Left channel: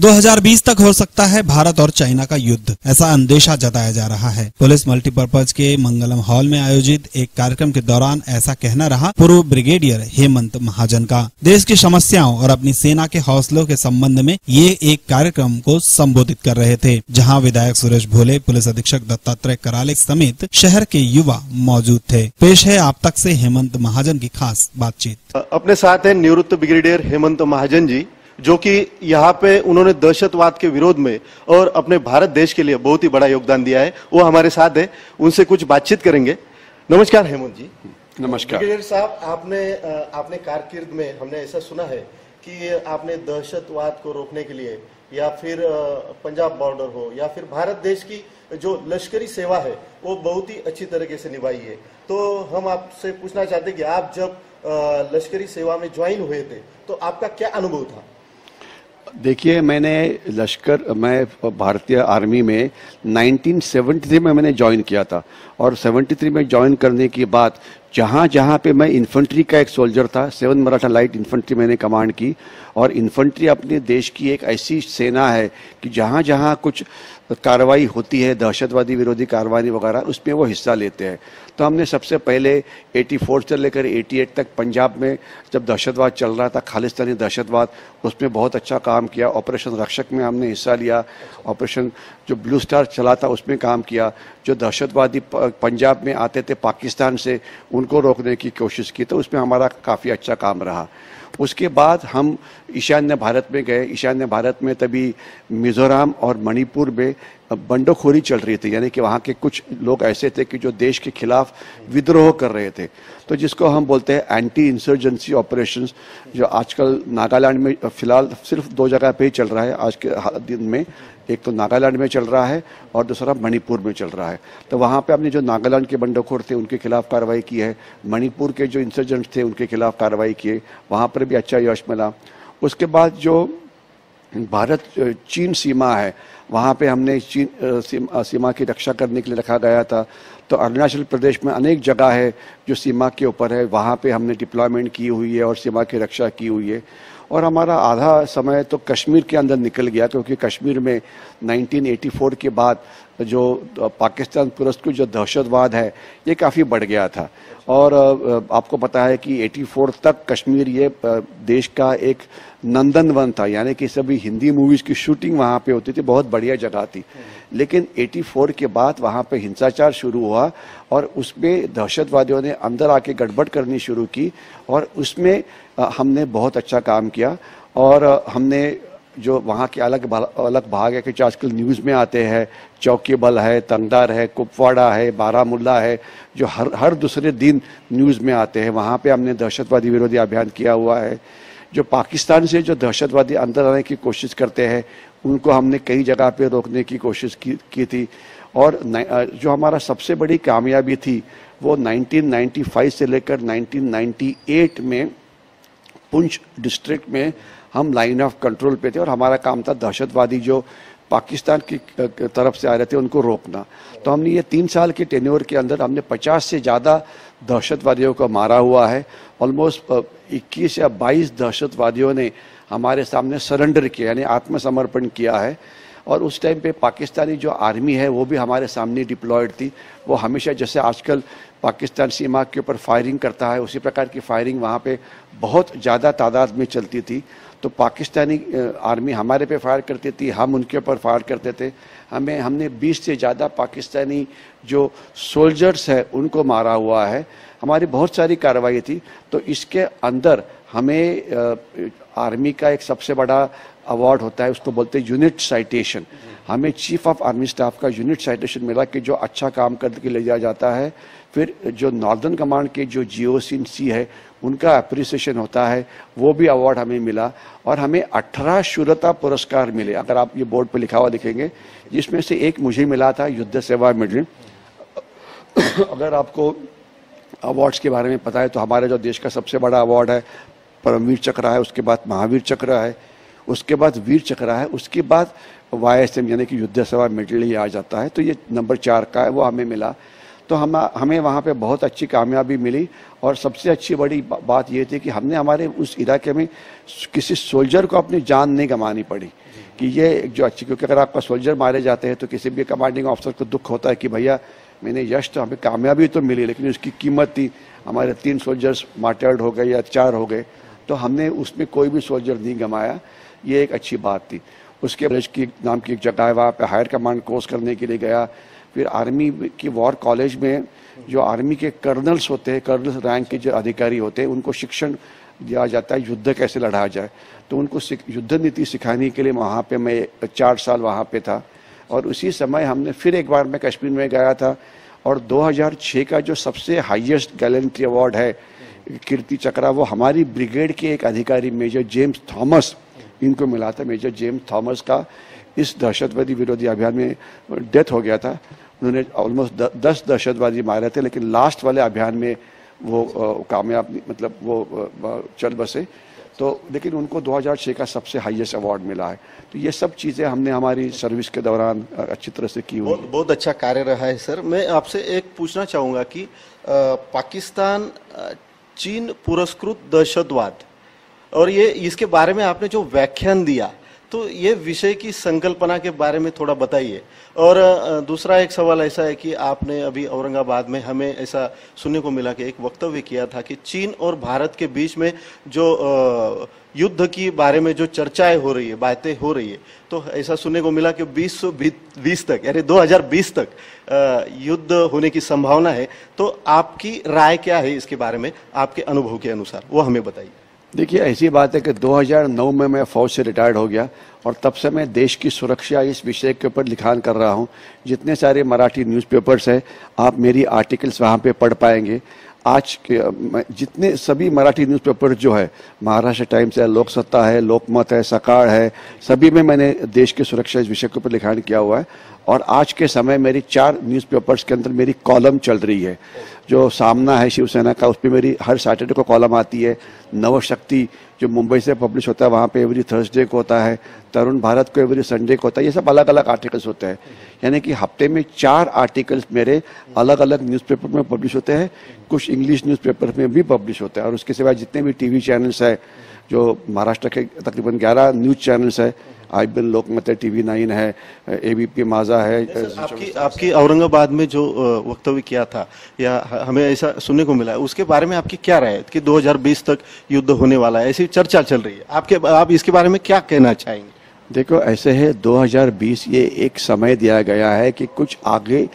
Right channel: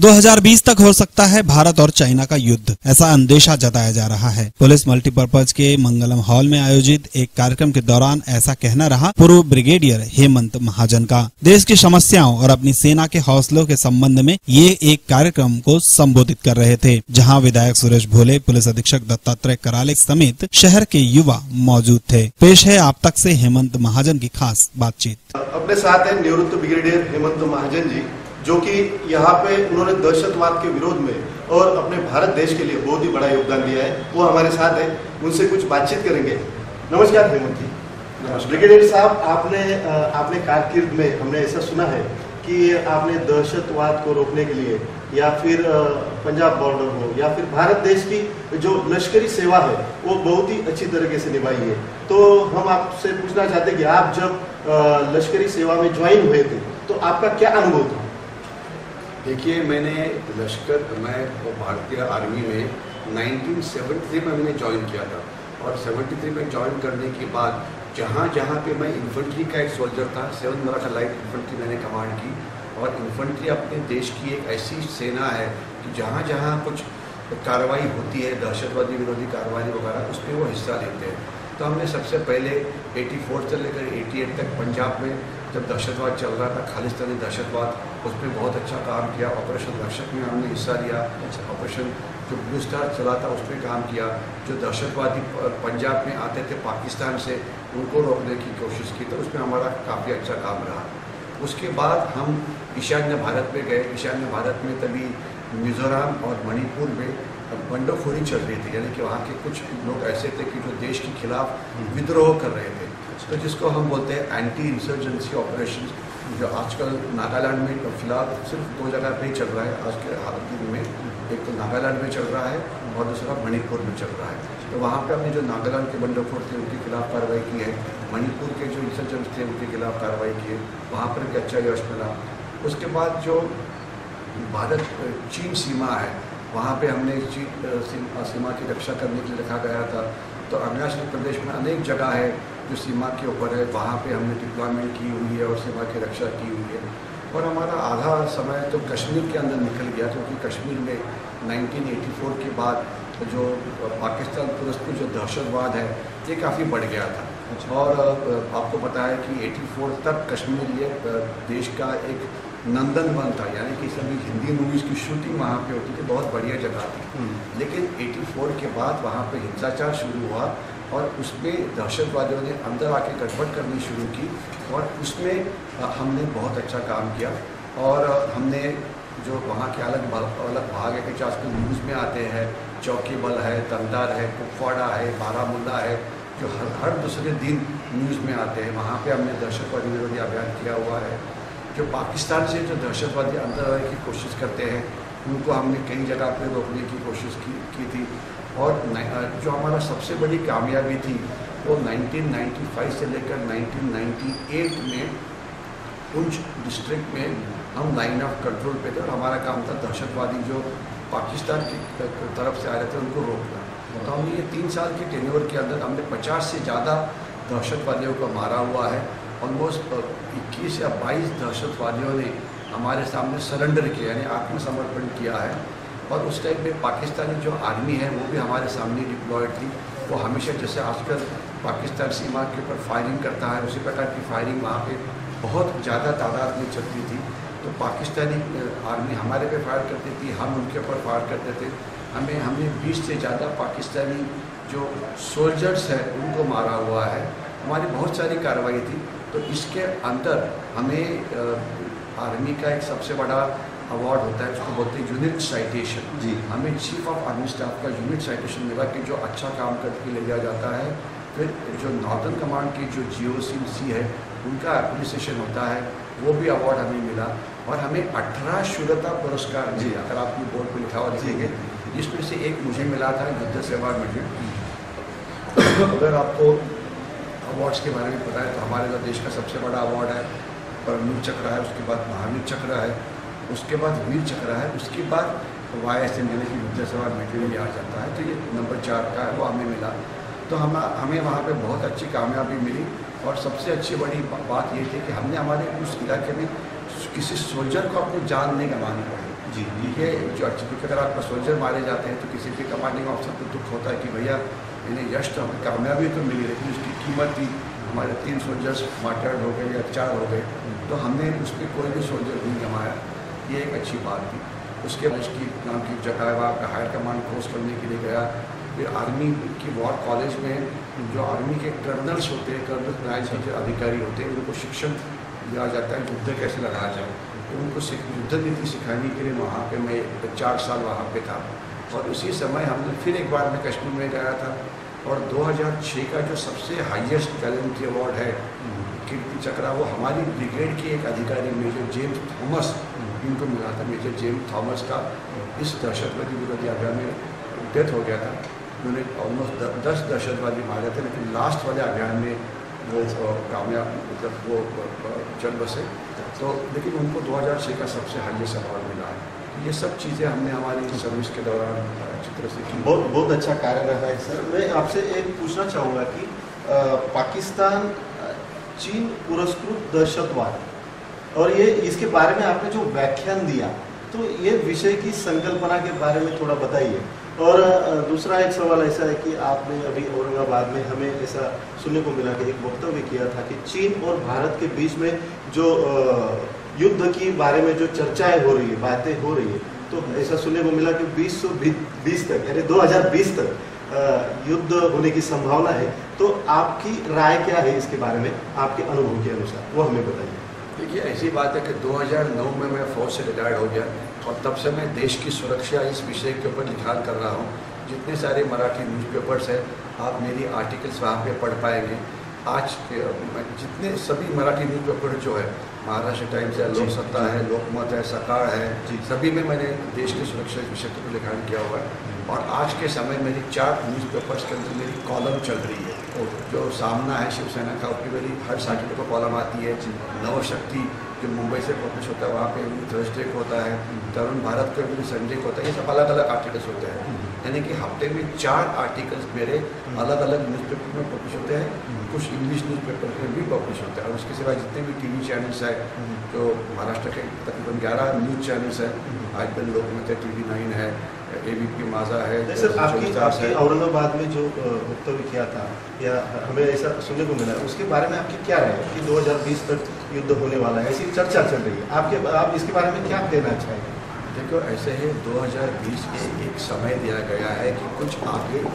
2020 तक हो सकता है भारत और चाइना का युद्ध, ऐसा अंदेशा जताया जा रहा है। पुलिस मल्टीपर्पज के मंगलम हॉल में आयोजित एक कार्यक्रम के दौरान ऐसा कहना रहा पूर्व ब्रिगेडियर हेमंत महाजन का। देश की समस्याओं और अपनी सेना के हौसलों के संबंध में ये एक कार्यक्रम को संबोधित कर रहे थे, जहां विधायक सुरेश भोले, पुलिस अधीक्षक दत्तात्रेय कराले समेत शहर के युवा मौजूद थे। पेश है आप तक से हेमंत महाजन की खास बातचीत। अपने साथ है निवृत्त ब्रिगेडियर हेमंत महाजन जी, जो कि यहाँ पे उन्होंने दहशतवाद के विरोध में और अपने भारत देश के लिए बहुत ही बड़ा योगदान दिया है। वो हमारे साथ है, उनसे कुछ बातचीत करेंगे। नमस्कार हेमंत जी। नमस्कार ब्रिगेडियर साहब, आपने कारकिर्द में हमने ऐसा सुना है कि आपने दहशतवाद को रोकने के लिए या फिर पंजाब बॉर्डर हो या फिर भारत देश की जो लश्करी सेवा है वो बहुत ही अच्छी तरीके से निभाई है। तो हम आपसे पूछना चाहते हैं कि आप जब लश्करी सेवा में ज्वाइन हुए थे तो आपका क्या अनुभव था? देखिए, मैं भारतीय आर्मी में 1973 में मैंने ज्वाइन किया था और 73 में ज्वाइन करने के बाद जहाँ पे मैं इन्फेंट्री का एक सोल्जर था, 7 मराठा लाइट इन्फेंट्री मैंने कमांड की। और इन्फेंट्री अपने देश की एक ऐसी सेना है कि जहाँ कुछ कार्रवाई होती है, दहशतवादी विरोधी कार्रवाई वगैरह, उसमें वो हिस्सा लेते हैं। तो हमने सबसे पहले 84 से लेकर 88 तक पंजाब में जब दहशतवाद चल रहा था, खालिस्तानी दहशतवाद, उसमें बहुत अच्छा काम किया। ऑपरेशन रक्षक में हमने हिस्सा लिया। ऑपरेशन जो ब्लू स्टार चला था उसमें काम किया। जो दहशतवादी पंजाब में आते थे पाकिस्तान से, उनको रोकने की कोशिश की, तो उसमें हमारा काफ़ी अच्छा काम रहा। उसके बाद हम ईशान्य भारत में गए। ईशान्य भारत में तभी मिज़ोरम और मणिपुर में बंडोखोरी चल रही थी, यानी कि वहाँ के कुछ लोग ऐसे थे कि जो देश के खिलाफ विद्रोह कर रहे थे, तो जिसको हम बोलते हैं एंटी इंसर्जेंसी ऑपरेशंस, जो आजकल नागालैंड में फ़िलहाल सिर्फ 2 जगह पे ही चल रहा है आज के दिन में। एक तो नागालैंड में चल रहा है और दूसरा मणिपुर में चल रहा है। तो वहाँ पे हमने जो नागालैंड के बंडखोर थे उनके खिलाफ कार्रवाई की है, मणिपुर के जो इंसर्जेंट्स थे उनके खिलाफ कार्रवाई की है, वहाँ पर भी अच्छा यश मिला। उसके बाद जो भारत चीन सीमा है, वहाँ पे हमने चीन सीमा की रक्षा करने के लिए रखा गया था। तो अरुणाचल प्रदेश में अनेक जगह है जो सीमा के ऊपर है, वहाँ पे हमने डिप्लॉयमेंट की हुई है और सीमा की रक्षा की हुई है। और हमारा आधा समय तो कश्मीर के अंदर निकल गया, क्योंकि कश्मीर में 1984 के बाद जो पाकिस्तान पुरस्कृत जो दहशतवाद है ये काफ़ी बढ़ गया था। और आपको पता है कि 84 तक कश्मीर ये देश का एक नंदनवन था, यानी कि सभी हिंदी मूवीज़ की शूटिंग वहाँ पे होती थी, बहुत बढ़िया जगह थी। लेकिन 84 के बाद वहाँ पे हिंसाचार शुरू हुआ और उसमें दहशतवादियों ने अंदर आके गड़बड़ करनी शुरू की और उसमें हमने बहुत अच्छा काम किया। और हमने जो वहाँ के अलग भाग है कि जो आजकल न्यूज़ में आते हैं, चौकी बल है, तंगदार है, कुपवाड़ा है, बारामूला है, जो हर दूसरे दिन न्यूज़ में आते हैं, वहाँ पे हमने दहशतवादी विरोधी अभियान किया हुआ है। जो पाकिस्तान से जो दहशतवादी अंदर आने की कोशिश करते हैं उनको हमने कई जगह पे रोकने की कोशिश की थी। और जो हमारा सबसे बड़ी कामयाबी थी वो 1995 से लेकर 1998 में पुंछ डिस्ट्रिक्ट में हम लाइन ऑफ कंट्रोल पे थे और हमारा काम था दहशतवादी जो पाकिस्तान की तरफ से आ रहे थे उनको रोकना। तो हमने ये 3 साल के टेन्योर के अंदर हमने 50 से ज़्यादा दहशतवादियों को मारा हुआ है। ऑलमोस्ट 21 या 22 दहशतवादियों ने हमारे सामने सरेंडर किया, यानी आत्मसमर्पण किया है। और उस टाइम पे पाकिस्तानी जो आर्मी है वो भी हमारे सामने डिप्लॉयड थी। वो हमेशा जैसे आजकल पाकिस्तान सीमा के ऊपर फायरिंग करता है, उसी प्रकार की फायरिंग वहाँ पे बहुत ज़्यादा तादाद में चलती थी। तो पाकिस्तानी आर्मी हमारे पे फायर करती थी, हम उनके ऊपर फायर करते थे। हमने 20 से ज़्यादा पाकिस्तानी जो सोल्जर्स हैं उनको मारा हुआ है। हमारी बहुत सारी कार्रवाई थी। तो इसके अंदर हमें आर्मी का एक सबसे बड़ा अवार्ड होता है, उसको बोलते हैं यूनिट साइटेशन। हमें चीफ ऑफ आर्मी स्टाफ का यूनिट साइटेशन मिला कि जो अच्छा काम करके ले जाया जाता है। फिर जो नॉर्दर्न कमांड के जो GOC है उनका अप्रिसिएशन होता है, वो भी अवार्ड हमें मिला। और हमें 18 शूरता पुरस्कार मिले, अगर आप ये बोर्ड पर लिखा हुआ देखेंगे, जिसमें से एक मुझे मिला था युद्ध सेवा मेडल। अगर आपको अवार्ड्स के बारे में पता है तो हमारे जो देश का सबसे बड़ा अवार्ड है परमवीर चक्र है, उसके बाद महावीर चक्र है, उसके बाद वीर चक्र है, उसके बाद YSM यानी कि युद्ध सेवा मेडल ही आ जाता है। तो ये नंबर 4 का है, वो हमें मिला। तो हमें वहाँ पे बहुत अच्छी कामयाबी मिली। और सबसे अच्छी बड़ी बात ये थी कि हमने हमारे उस इलाके में किसी सोल्जर को अपनी जान नहीं गंवानी पड़ी कि ये जो अच्छी, क्योंकि अगर आपका सोल्जर मारे जाते हैं तो किसी भी कमांडिंग ऑफिसर को दुख होता है कि भैया मैंने यश तो हमें कामयाबी तो मिली लेकिन उसकी कीमत थी, हमारे 3 सोल्जर्स मार्टर्ड हो गए या 4 हो गए, तो हमने उसमें कोई भी सोल्जर नहीं गंवाया, ये एक अच्छी बात थी। उसके बाद की नाम की एक जगह है, वहाँ पे हायर कमांड कोर्स करने के लिए गया। फिर आर्मी की वॉर कॉलेज में जो आर्मी के कर्नल्स होते हैं, कर्नल रैंक के जो अधिकारी होते हैं, उनको शिक्षण दिया जाता है युद्ध कैसे लड़ा जाए, तो उनको युद्ध नीति सिखाने के लिए वहाँ पे मैं 4 साल वहाँ पे था। और उसी समय हमने फिर एक बार मैं कश्मीर में गया था और 2006 का जो सबसे हाईएस्ट गैलेंट्री अवार्ड है कीर्ति चक्र, वो हमारी ब्रिगेड के एक अधिकारी मेजर जेम्स थॉमस, इनको मिला था। मेजर जेम्स थॉमस का इस दहशतवादी विरोधी अभियान में डेथ हो गया था। उन्होंने ऑलमोस्ट 10 दहशतवादी मारे थे, लेकिन लास्ट वाले अभियान में वो कामयाब, मतलब वो चल बसे। तो लेकिन उनको 2006 का सबसे हाईएस्ट अवार्ड मिला है। तो ये सब चीज़ें हमने हमारी सर्विस के दौरान अच्छी तरह से की। बहुत अच्छा कार्य रहा है सर। मैं आपसे एक पूछना चाहूँगा कि पाकिस्तान चीन पुरस्कृत दहशतवाद, और ये इसके बारे में आपने जो व्याख्यान दिया, तो ये विषय की संकल्पना के बारे में थोड़ा बताइए। और दूसरा एक सवाल ऐसा है कि आपने अभी औरंगाबाद में हमें ऐसा सुनने को मिला कि एक वक्तव्य किया था कि चीन और भारत के बीच में जो युद्ध की बारे में जो चर्चाएं हो रही है, बातें हो रही है, तो ऐसा सुनने को मिला कि 2020 तक, यानी 2020 तक युद्ध होने की संभावना है। तो आपकी राय क्या है इसके बारे में, आपके अनुभव के अनुसार, वो हमें बताइए। देखिए, ऐसी बात है कि 2009 में मैं फ़ौज से रिटायर्ड हो गया और तब से मैं देश की सुरक्षा इस विषय के ऊपर लिखान कर रहा हूँ। जितने सारे मराठी न्यूज़पेपर्स हैं, आप मेरी आर्टिकल्स वहाँ पे पढ़ पाएंगे। आज के जितने सभी मराठी न्यूज़पेपर जो है, महाराष्ट्र टाइम्स है, लोकसत्ता है, लोकमत है, सकाळ है, सभी में मैंने देश की सुरक्षा इस विषय के ऊपर लिखान किया हुआ है। और आज के समय मेरी 4 न्यूज़पेपर्स के अंदर मेरी कॉलम चल रही है। जो सामना है शिवसेना का, उस पर मेरी हर सैटरडे को कॉलम आती है। नवशक्ति जो मुंबई से पब्लिश होता है, वहाँ पे एवरी थर्सडे को होता है। तरुण भारत को एवरी संडे को होता है। ये सब अलग अलग आर्टिकल्स होते हैं, यानी कि हफ्ते में 4 आर्टिकल्स मेरे अलग अलग न्यूज़पेपर में पब्लिश होते हैं। कुछ इंग्लिश न्यूज़पेपर में भी पब्लिश होते हैं। और उसके सिवाय जितने भी टीवी चैनल्स हैं, जो महाराष्ट्र के तकरीबन 11 न्यूज़ चैनल्स है, IBN लोकमत है, TV9 है, ABP माझा है। सर, आपकी औरंगाबाद में जो वक्तव्य किया था, या हमें ऐसा सुनने को मिला, उसके बारे में आपकी क्या राय है कि 2020 तक युद्ध होने वाला है, ऐसी चर्चा चल रही है, आप इसके बारे में क्या कहना चाहेंगे? देखो, ऐसे है, 2020 ये एक समय दिया गया है कि कुछ आगे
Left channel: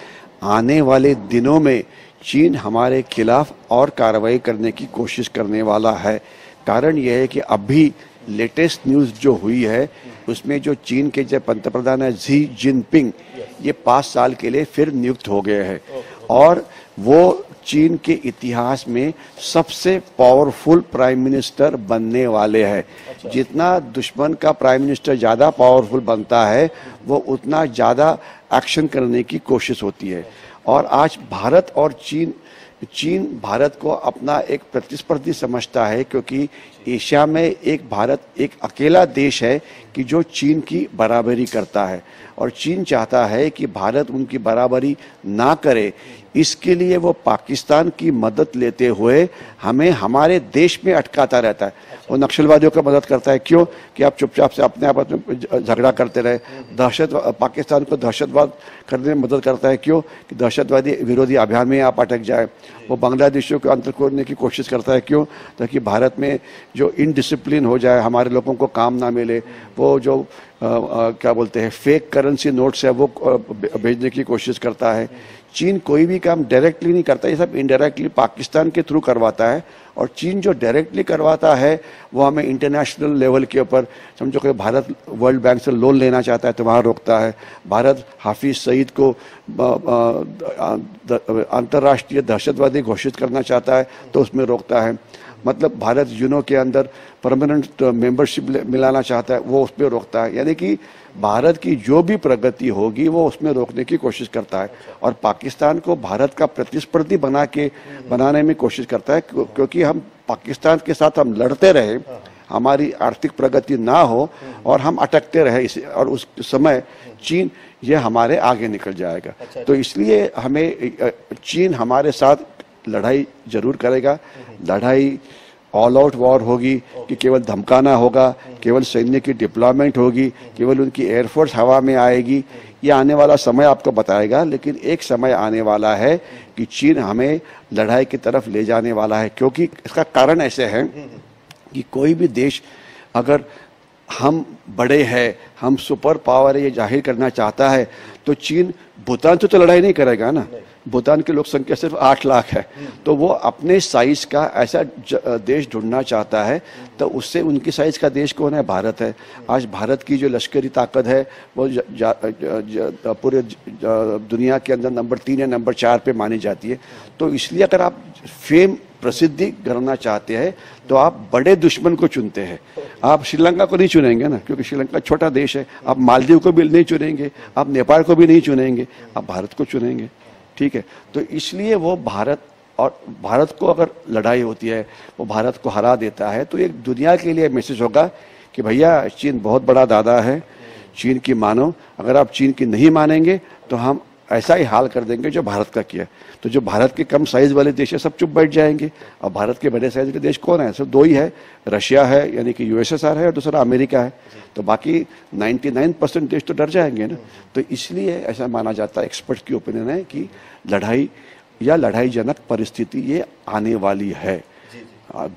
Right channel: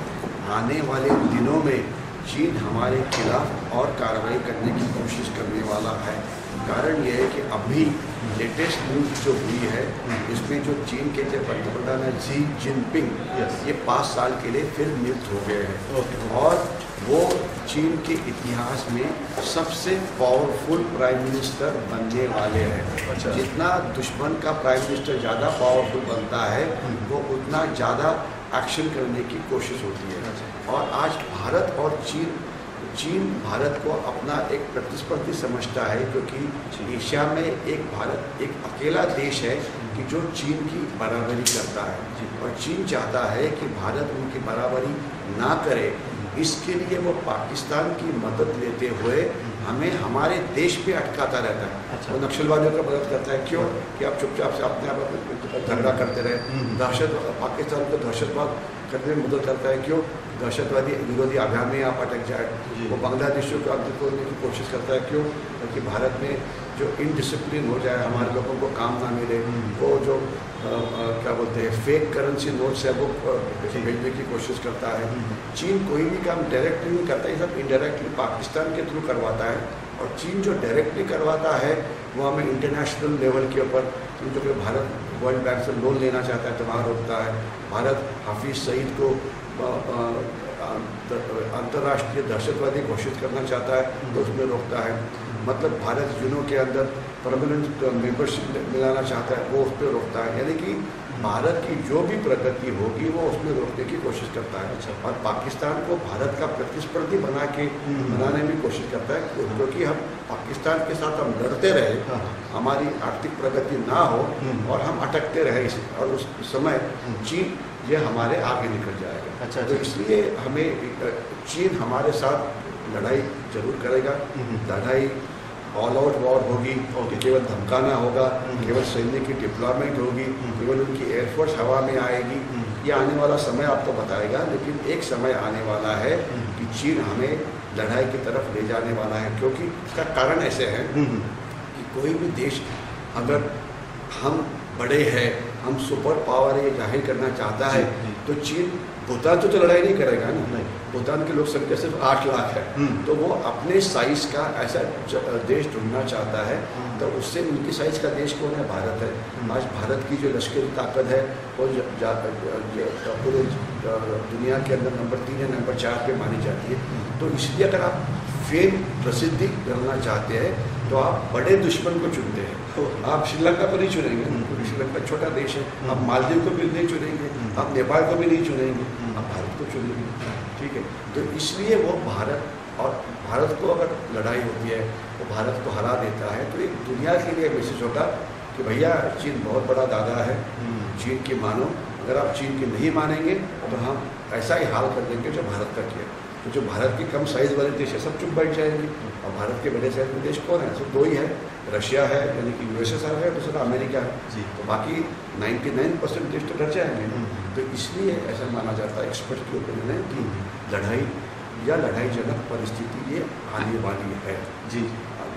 आने वाले दिनों में चीन हमारे खिलाफ और कार्रवाई करने की कोशिश करने वाला है। कारण यह है कि अभी लेटेस्ट न्यूज़ जो हुई है, उसमें जो चीन के जो पंतप्रधान है शी जिनपिंग, ये 5 साल के लिए फिर नियुक्त हो गए हैं और वो चीन के इतिहास में सबसे पावरफुल प्राइम मिनिस्टर बनने वाले हैं। जितना दुश्मन का प्राइम मिनिस्टर ज़्यादा पावरफुल बनता है, वो उतना ज़्यादा एक्शन करने की कोशिश होती है। और आज भारत और चीन भारत को अपना एक प्रतिस्पर्धी समझता है, क्योंकि एशिया में एक भारत एक अकेला देश है कि जो चीन की बराबरी करता है, और चीन चाहता है कि भारत उनकी बराबरी ना करे। इसके लिए वो पाकिस्तान की मदद लेते हुए हमें हमारे देश में अटकाता रहता है। वो नक्सलवादियों का मदद करता है। क्यों? कि आप चुपचाप से अपने आप में झगड़ा करते रहे। पाकिस्तान को दहशतवाद करने में मदद करता है। क्यों? कि दहशतवादी विरोधी अभियान में आप अटक जाए। वो बांग्लादेशियों को अंतर खोलने की कोशिश करता है। क्यों? ताकि भारत में जो इनडिसिप्लिन हो जाए, हमारे लोगों को काम ना मिले। वो जो क्या बोलते हैं फेक करेंसी नोट्स है, वो भेजने की कोशिश करता है। चीन कोई भी काम डायरेक्टली नहीं करता, ये सब इनडायरेक्टली पाकिस्तान के थ्रू करवाता है। और चीन जो डायरेक्टली करवाता है वो हमें इंटरनेशनल लेवल के ऊपर, समझो कि भारत वर्ल्ड बैंक से लोन लेना चाहता है तो वहाँ रोकता है। भारत हाफिज सईद को अंतर्राष्ट्रीय दहशतवादी घोषित करना चाहता है तो उसमें रोकता है। मतलब भारत यूनो के अंदर परमानेंट मेंबरशिप मिलाना चाहता है, वो उसमें रोकता है। यानी कि भारत की जो भी प्रगति होगी वो उसमें रोकने की कोशिश करता है। और पाकिस्तान को भारत का प्रतिस्पर्धी बनाने में कोशिश करता है, क्योंकि हम पाकिस्तान के साथ हम लड़ते रहे, हमारी आर्थिक प्रगति ना हो और हम अटकते रहे इसे, और उस समय चीन ये हमारे आगे निकल जाएगा। तो इसलिए हमें चीन हमारे साथ लड़ाई जरूर करेगा। लड़ाई ऑल आउट वॉर होगी कि केवल धमकाना होगा, केवल सैन्य की डिप्लॉयमेंट होगी, केवल उनकी एयरफोर्स हवा में आएगी, ये आने वाला समय आपको बताएगा। लेकिन एक समय आने वाला है कि चीन हमें लड़ाई की तरफ ले जाने वाला है, क्योंकि इसका कारण ऐसे है कि कोई भी देश अगर हम बड़े हैं, हम सुपर पावर ये जाहिर करना चाहता है, तो चीन भूटान से तो लड़ाई नहीं करेगा ना। भूटान की लोक संख्या सिर्फ 8 लाख है, तो वो अपने साइज का ऐसा देश ढूंढना चाहता है। तो उससे उनकी साइज का देश कौन है? भारत है। आज भारत की जो लश्करी ताकत है वो पूरे दुनिया के अंदर नंबर 3 या नंबर 4 पे मानी जाती है। तो इसलिए अगर आप फेम प्रसिद्धि करना चाहते हैं तो आप बड़े दुश्मन को चुनते हैं। आप श्रीलंका को नहीं चुनेंगे ना, क्योंकि श्रीलंका छोटा देश है। आप मालदीव को भी नहीं चुनेंगे, आप नेपाल को भी नहीं चुनेंगे, आप भारत को चुनेंगे। ठीक है, तो इसलिए वो भारत को अगर लड़ाई होती है, वो भारत को हरा देता है, तो एक दुनिया के लिए मैसेज होगा कि भैया चीन बहुत बड़ा दादा है, चीन की मानो। अगर आप चीन की नहीं मानेंगे तो हम ऐसा ही हाल कर देंगे जो भारत का किया। तो जो भारत के कम साइज़ वाले देश है सब चुप बैठ जाएंगे, और भारत के बड़े साइज़ के देश कौन है? सिर्फ 2 ही है, रशिया है यानी कि यूएसएसआर है, और दूसरा अमेरिका है। तो बाकी 99% देश तो डर जाएंगे ना। तो इसलिए ऐसा माना जाता है, एक्सपर्ट की ओपिनियन है कि लड़ाई या लड़ाईजनक परिस्थिति ये आने वाली है।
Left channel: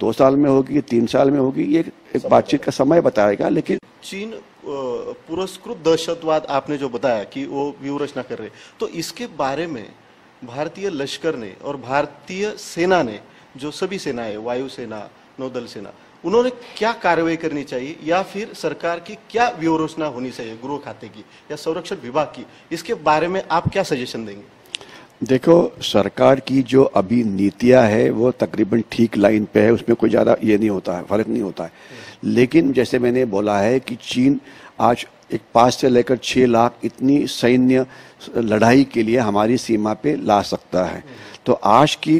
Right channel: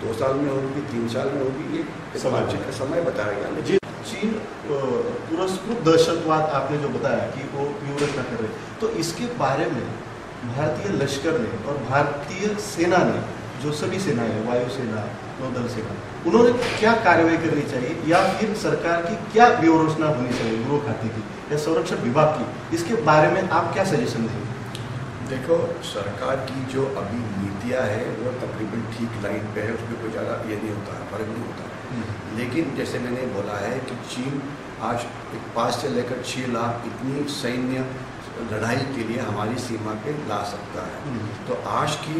2 साल में होगी, 3 साल में होगी, ये इस बातचीत का समय बताएगा। लेकिन चीन पुरस्कृत दहशतवाद आपने जो बताया कि वो व्यूहरचना कर रहे, तो इसके बारे में भारतीय लश्कर ने और भारतीय सेना ने, जो सभी सेनाएं, वायुसेना, नौदल सेना, उन्होंने क्या कार्रवाई करनी चाहिए, या फिर सरकार की क्या व्यूहरचना होनी चाहिए, गृह खाते की या संरक्षण विभाग की, इसके बारे में आप क्या सजेशन देंगे? देखो, सरकार की जो अभी नीतियां है वो तकरीबन ठीक लाइन पे है, उसमें कोई ज़्यादा ये नहीं होता है, फ़र्क नहीं होता है। लेकिन जैसे मैंने बोला है कि चीन आज 5 से लेकर 6 लाख इतनी सैन्य लड़ाई के लिए हमारी सीमा पे ला सकता है। तो आज की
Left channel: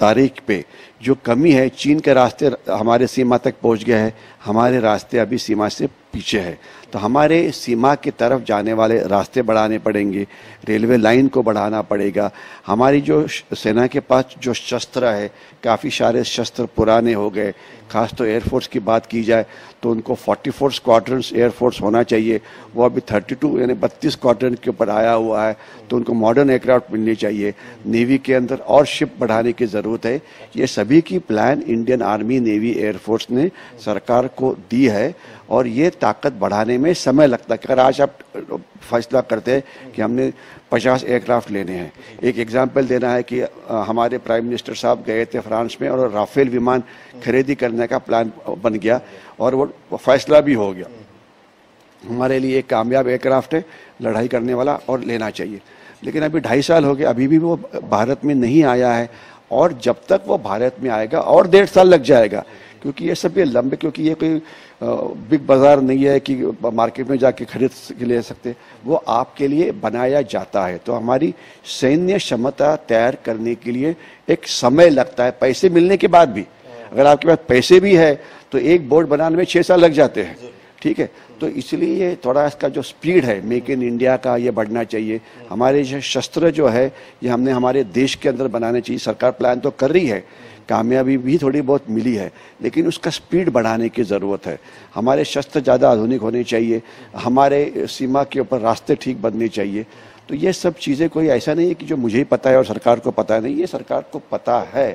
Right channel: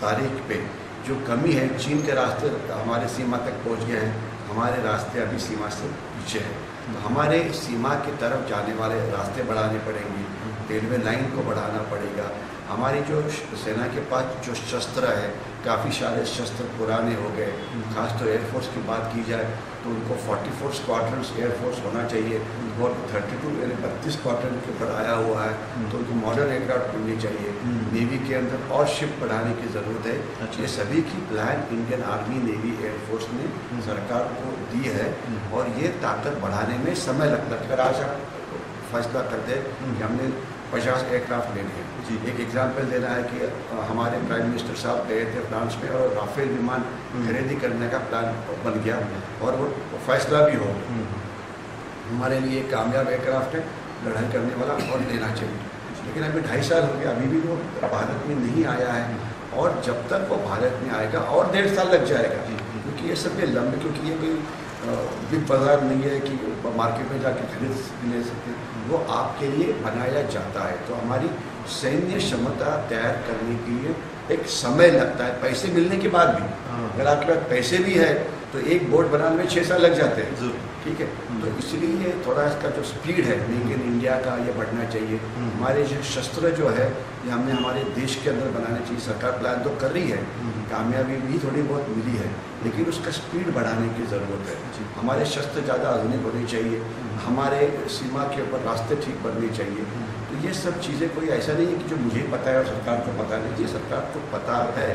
तारीख पे जो कमी है, चीन के रास्ते हमारे सीमा तक पहुंच गए हैं, हमारे रास्ते अभी सीमा से पीछे है। तो हमारे सीमा की तरफ जाने वाले रास्ते बढ़ाने पड़ेंगे, रेलवे लाइन को बढ़ाना पड़ेगा। हमारी जो सेना के पास जो शस्त्र है, काफ़ी सारे शस्त्र पुराने हो गए। खास तो एयरफोर्स की बात की जाए तो उनको 44 स्क्वाड्रन्स एयरफोर्स होना चाहिए, वो अभी 32 यानी 32 स्क्वाड्रन के ऊपर आया हुआ है। तो उनको मॉडर्न एयरक्राफ्ट मिलनी चाहिए। नेवी के अंदर और शिप बढ़ाने की ज़रूरत है। ये सभी की plan Indian army, navy, air force ने सरकार को दी है, और ये ताकत बढ़ाने में समय लगता है। अगर आज आप फैसला करते हैं कि हमने 50 एयरक्राफ्ट लेने हैं, एक एग्जाम्पल देना है कि हमारे प्राइम मिनिस्टर साहब गए थे फ्रांस में, और राफेल विमान खरीदी करने का प्लान बन गया और वो फैसला भी हो गया। हमारे लिए एक कामयाब एयरक्राफ्ट है, लड़ाई करने वाला, और लेना चाहिए। लेकिन अभी 2.5 साल हो गए, अभी भी वो भारत में नहीं आया है, और जब तक वो भारत में आएगा और 1.5 साल लग जाएगा, क्योंकि ये सब ये लंबे, क्योंकि ये कोई बिग बाज़ार नहीं है कि मार्केट में जाके खरीद ले सकते, वो आपके लिए बनाया जाता है। तो हमारी सैन्य क्षमता तैयार करने के लिए एक समय लगता है, पैसे मिलने के बाद भी। अगर आपके पास पैसे भी है तो एक बोर्ड बनाने में 6 साल लग जाते हैं। ठीक है, तो इसलिए थोड़ा इसका जो स्पीड है मेक इन इंडिया का, ये बढ़ना चाहिए। हमारे जो शस्त्र जो है ये हमने हमारे देश के अंदर बनाने चाहिए। सरकार प्लान तो कर रही है, कामयाबी भी थोड़ी बहुत मिली है, लेकिन उसका स्पीड बढ़ाने की ज़रूरत है। हमारे शस्त्र ज़्यादा आधुनिक होने चाहिए, हमारे सीमा के ऊपर रास्ते ठीक बनने चाहिए। तो ये सब चीज़ें कोई ऐसा नहीं है कि जो मुझे ही पता है और सरकार को पता नहीं, ये सरकार को पता है।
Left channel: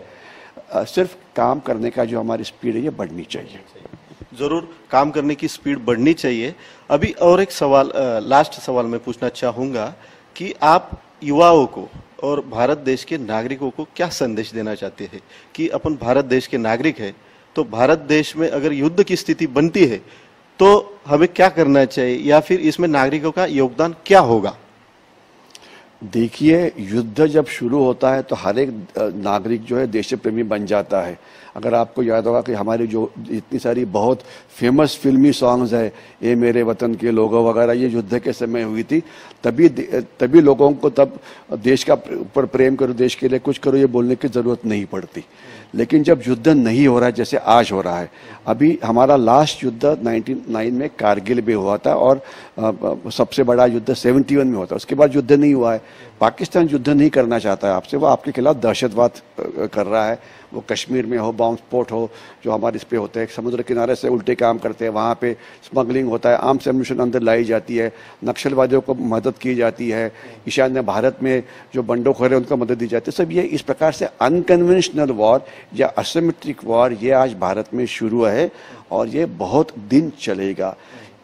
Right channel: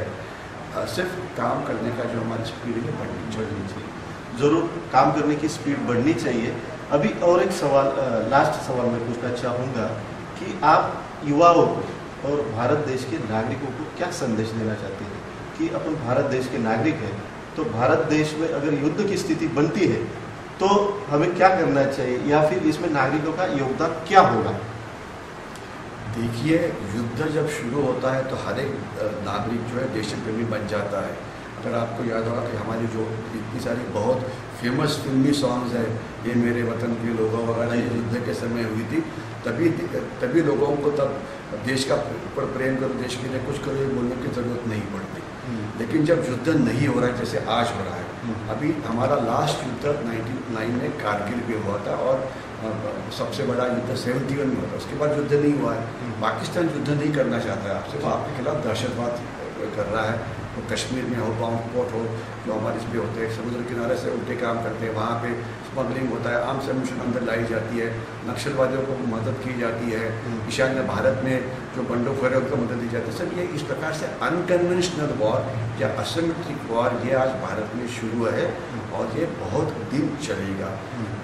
सिर्फ काम करने का जो हमारी स्पीड है ये बढ़नी चाहिए। ज़रूर काम करने की स्पीड बढ़नी चाहिए। अभी और एक सवाल, लास्ट सवाल मैं पूछना चाहूँगा कि आप युवाओं को और भारत देश के नागरिकों को क्या संदेश देना चाहते हैं कि अपन भारत देश के नागरिक हैं, तो भारत देश में अगर युद्ध की स्थिति बनती है तो हमें क्या करना चाहिए, या फिर इसमें नागरिकों का योगदान क्या होगा? देखिए, युद्ध जब शुरू होता है तो हर एक नागरिक जो है देश प्रेमी बन जाता है। अगर आपको याद होगा कि हमारी जो इतनी सारी बहुत फेमस फिल्मी सॉन्ग्स है, ये मेरे वतन के लोगों वगैरह, ये युद्ध के समय हुई थी। तभी लोगों को तब देश का ऊपर प्रेम करो, देश के लिए कुछ करो, ये बोलने की ज़रूरत नहीं पड़ती। लेकिन जब युद्ध नहीं हो रहा है, जैसे आज हो रहा है, अभी हमारा लास्ट युद्ध 1999 में कारगिल में हुआ था, और सबसे बड़ा युद्ध 71 में हुआ था। उसके बाद युद्ध नहीं हुआ है। पाकिस्तान युद्ध नहीं करना चाहता है आपसे, वो आपके खिलाफ दहशतवाद कर रहा है, वो कश्मीर में हो, बाउंस पोर्ट हो, जो हमारे इस पे होते हैं, समुद्र किनारे से उल्टे काम करते हैं, वहाँ पे स्मगलिंग होता है, आर्म्स एम्यूनिशन अंदर लाई जाती है, नक्सलवादियों को मदद की जाती है, ईशान्य भारत में जो बंडोखोर है उनको मदद दी जाती है। सब ये इस प्रकार से अनकन्वेंशनल वॉर या असिमेट्रिक वॉर ये आज भारत में शुरू है और ये बहुत दिन चलेगा।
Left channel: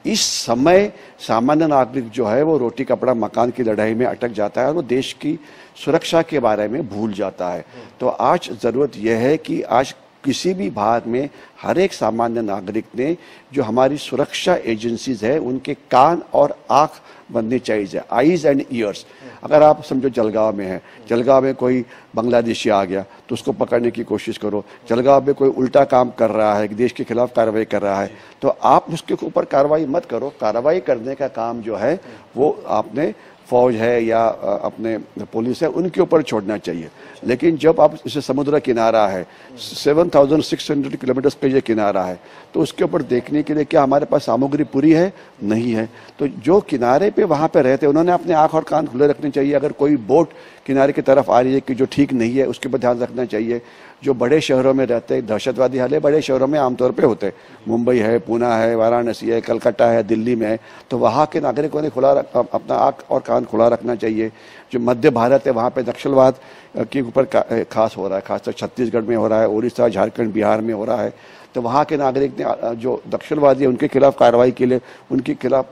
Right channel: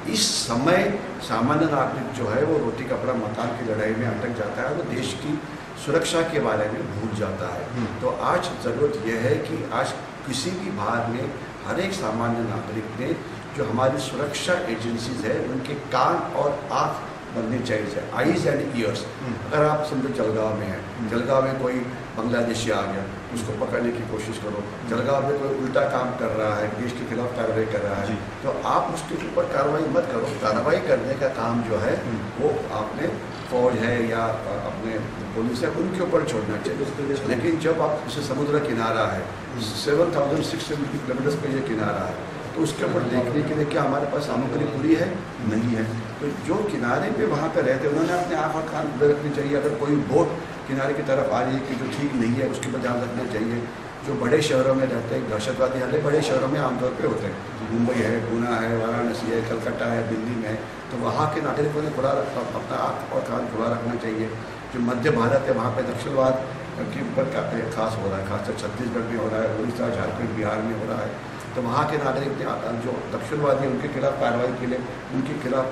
इस समय सामान्य नागरिक जो है वो रोटी कपड़ा मकान की लड़ाई में अटक जाता है और वो देश की सुरक्षा के बारे में भूल जाता है। तो आज ज़रूरत यह है कि आज किसी भी भाग में हर एक सामान्य नागरिक ने जो हमारी सुरक्षा एजेंसीज है उनके कान और आँख बनने चाहिए, आईज एंड ईयर्स। अगर आप समझो जलगांव में है, जलगांव में कोई बांग्लादेशी आ गया तो उसको पकड़ने की कोशिश करो, जलगांव में कोई उल्टा काम कर रहा है, देश के खिलाफ कार्रवाई कर रहा है, तो आप उसके ऊपर कार्रवाई मत करो। कार्रवाई करने का काम जो है वो आपने फौज है या अपने पुलिस है उनके ऊपर छोड़ना चाहिए। लेकिन जब आप इसे समुद्र किनारा है, 7,600 किलोमीटर पे ये किनारा है, तो उसके ऊपर देखने के लिए क्या हमारे पास सामग्री पूरी है? नहीं है। तो जो किनारे पे वहाँ पे रहते हैं उन्होंने अपने आँख और कान खुले रखने चाहिए। अगर कोई बोट किनारे की तरफ आ रही है कि जो ठीक नहीं है उसके ऊपर ध्यान रखना चाहिए। जो बड़े शहरों में रहते हैं, दहशतवादी हमले बड़े शहरों में आमतौर पे होते हैं, मुंबई है, पूना है, वाराणसी है, कलकत्ता है, दिल्ली में है, तो वहाँ के नागरिकों ने अपना आँख और कान खुला रखना चाहिए। जो मध्य भारत है वहाँ पे नक्सलवाद के ऊपर खास हो रहा है, खासकर छत्तीसगढ़ में हो रहा है, उड़ीसा, झारखंड, बिहार में हो रहा है। तो वहाँ के नागरिक ने जो नक्सलवादी है उनके खिलाफ कार्रवाई के लिए उनके खिलाफ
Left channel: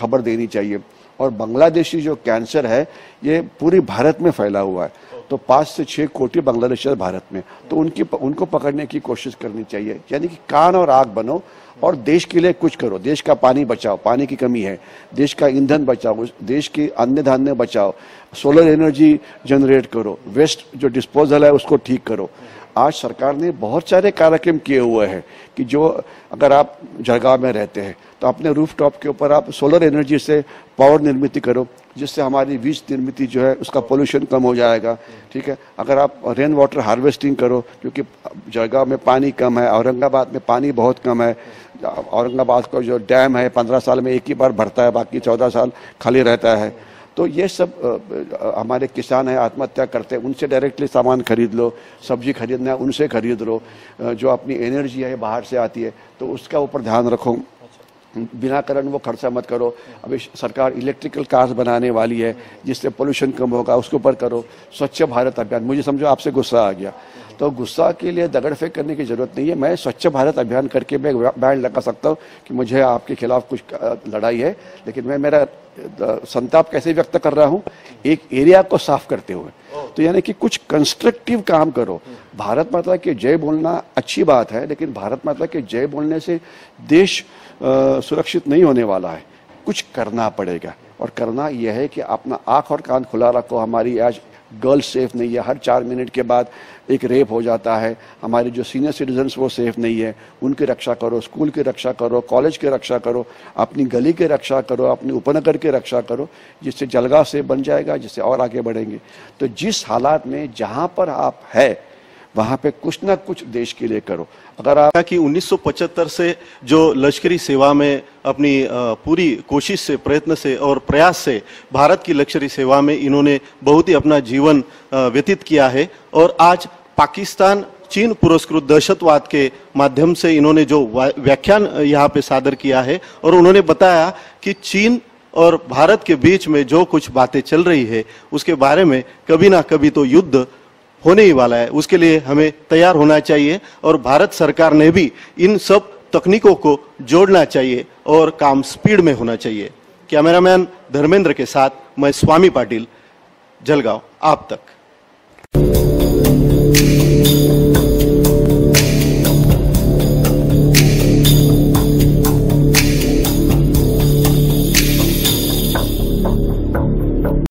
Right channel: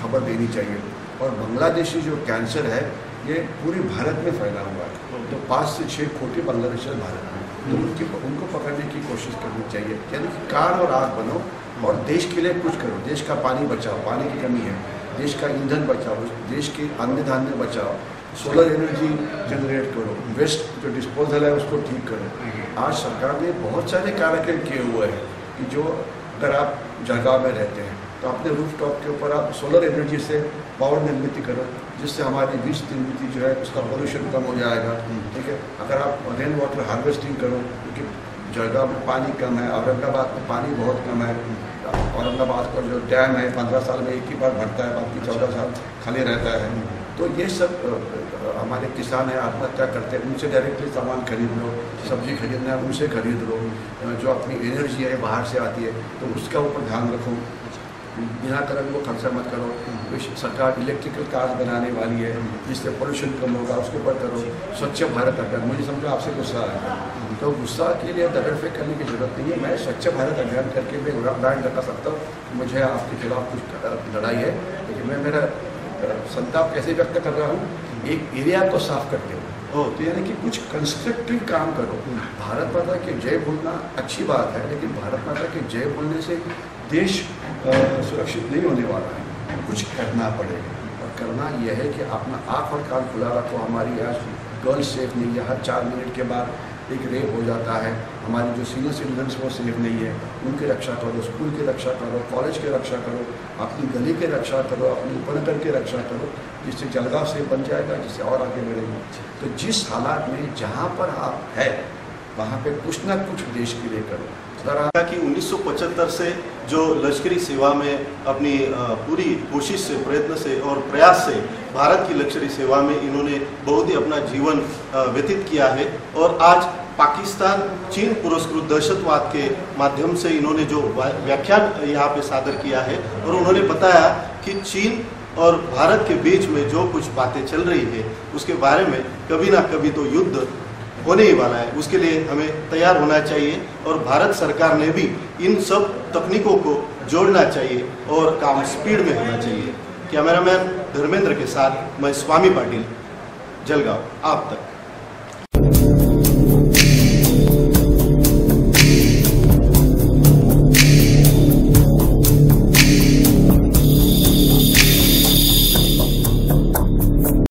खबर देनी चाहिए। और बांग्लादेशी जो कैंसर है ये पूरी भारत में फैला हुआ है, तो 5 से 6 कोटी बांग्लादेशी भारत में, तो उनको पकड़ने की कोशिश करनी चाहिए। यानी कि कान और आँख बनो और देश के लिए कुछ करो। देश का पानी बचाओ, पानी की कमी है, देश का ईंधन बचाओ, देश की अन्न धान्य बचाओ, सोलर एनर्जी जनरेट करो, वेस्ट जो डिस्पोजल है उसको ठीक करो। आज सरकार ने बहुत सारे कार्यक्रम किए हुए हैं कि जो अगर आप जलगांव में रहते हैं तो अपने रूफटॉप के ऊपर आप सोलर एनर्जी से पावर निर्मित करो, जिससे हमारी बीज निर्मित जो है उसका पोल्यूशन कम हो जाएगा। ठीक है, अगर आप रेन वाटर हार्वेस्टिंग करो, क्योंकि जलगांव में पानी कम है, औरंगाबाद में पानी बहुत कम है। औरंगाबाद का जो डैम है 15 साल में एक ही बार भरता है, बाकी 14 साल खाली रहता है। तो ये सब हमारे किसान हैं आत्महत्या करते हैं, उनसे डायरेक्टली सामान खरीद लो, सब्जी खरीदना है उनसे खरीद लो। जो अपनी एनर्जी है बाहर से आती है तो उसका ऊपर ध्यान रखो, बिना कारण वो खर्चा मत करो। अभी सरकार इलेक्ट्रिकल कार्स बनाने वाली है जिससे पोल्यूशन कम होगा, उसके ऊपर करो। स्वच्छ भारत अभियान, मुझे समझो आपसे गुस्सा आ गया तो गुस्सा के लिए दगड़ फेंक करने की ज़रूरत नहीं है। मैं स्वच्छ भारत अभियान करके मैं बैन लगा सकता हूँ कि मुझे आपके खिलाफ कुछ लड़ाई है, लेकिन मैं मेरा संताप कैसे व्यक्त कर रहा हूँ, एक एरिया को साफ करते हुए। तो यानी कि कुछ कंस्ट्रक्टिव काम करो। भारत माता के जय बोलना अच्छी बात है, लेकिन भारत माता के जय बोलने से देश सुरक्षित नहीं होने वाला है, कुछ करना पड़ेगा। और करना यह है कि अपना आँख और कान खुला रखो। हमारी आज गर्ल सेफ नहीं है, हर 4 मिनट के बाद एक रेप हो जाता है। हमारी जो सीनियर सिटीजन्स वो सेफ नहीं है, उनकी रक्षा करो, स्कूल की रक्षा करो, कॉलेज की रक्षा करो, अपनी गली की रक्षा करो, अपने उपनगर की रक्षा करो, जिससे जलगांव सेफ बन जाएगा, जिससे और आगे बढ़ेंगे। तो जिस हालात में जहाँ पर आप है वहाँ पे कुछ ना कुछ देश के लिए करो। अगर आप कि 1975 से जो लश्करी सेवा में अपनी पूरी कोशिश से, प्रयत्न से और प्रयास से भारत की लश्करी सेवा में इन्होंने बहुत ही अपना जीवन व्यतीत किया है। और आज पाकिस्तान चीन पुरस्कृत दहशतवाद के माध्यम से इन्होंने जो व्याख्यान यहाँ पे सादर किया है और उन्होंने बताया कि चीन और भारत के बीच में जो कुछ बातें चल रही है उसके बारे में कभी ना कभी तो युद्ध होने ही वाला है। उसके लिए हमें तैयार होना चाहिए और भारत सरकार ने भी इन सब तकनीकों को जोड़ना चाहिए और काम स्पीड में होना चाहिए। कैमरामैन धर्मेंद्र के साथ मैं स्वामी पाटिल, जलगांव आप तक।